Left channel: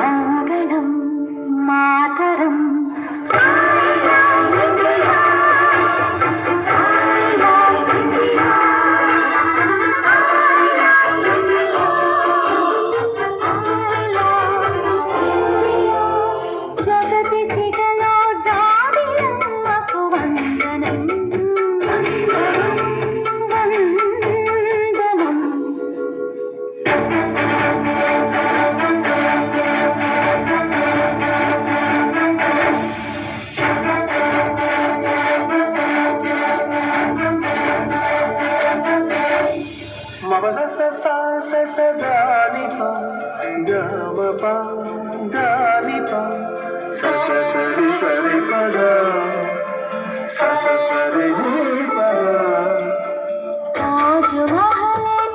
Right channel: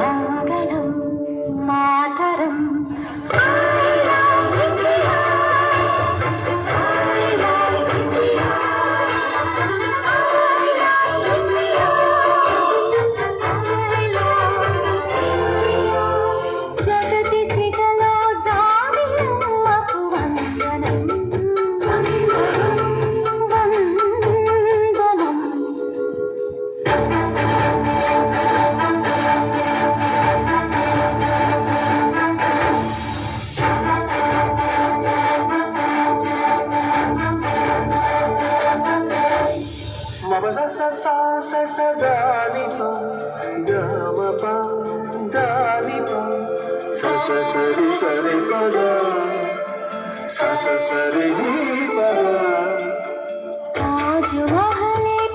మంగళం మాతరం జగతి సిగలో జాబిలమ్మకు వందనం వందనం మమ స స స స స దాని ప గ మ ప దాని ప స స సరి సరి ప గ స స సరి ప గ తాజ్‌మహలే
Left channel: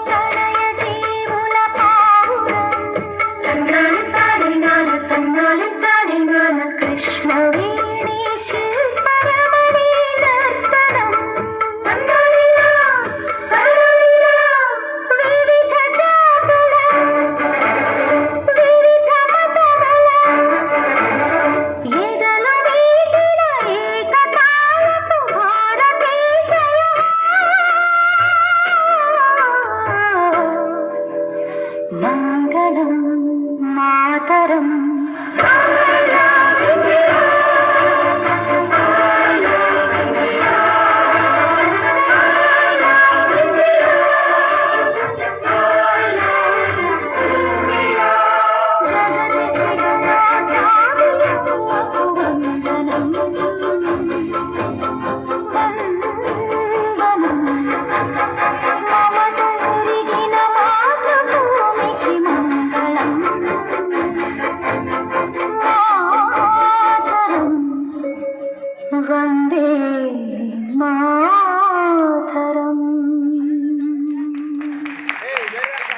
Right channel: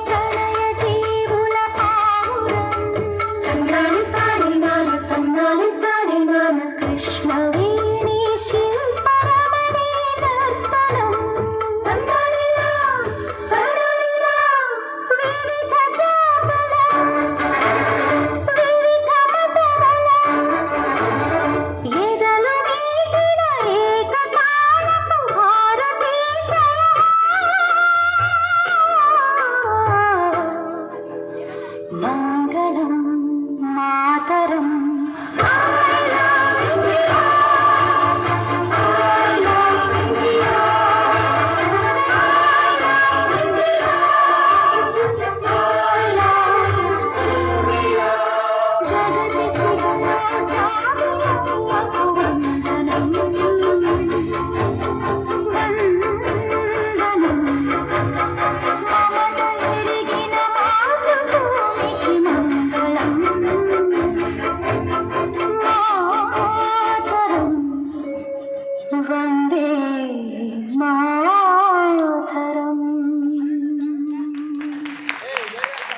ప్రణయ జీవుల పావురం తన్నాలు తానే నాన కృష్ణవేణి శిల్పరమణి నర్తనం వివిధ జాతుల వివిధ మతముల ఎదల వీటిన ఏకతాళపు భారతే జయ మంగళం మాతరం వందే మా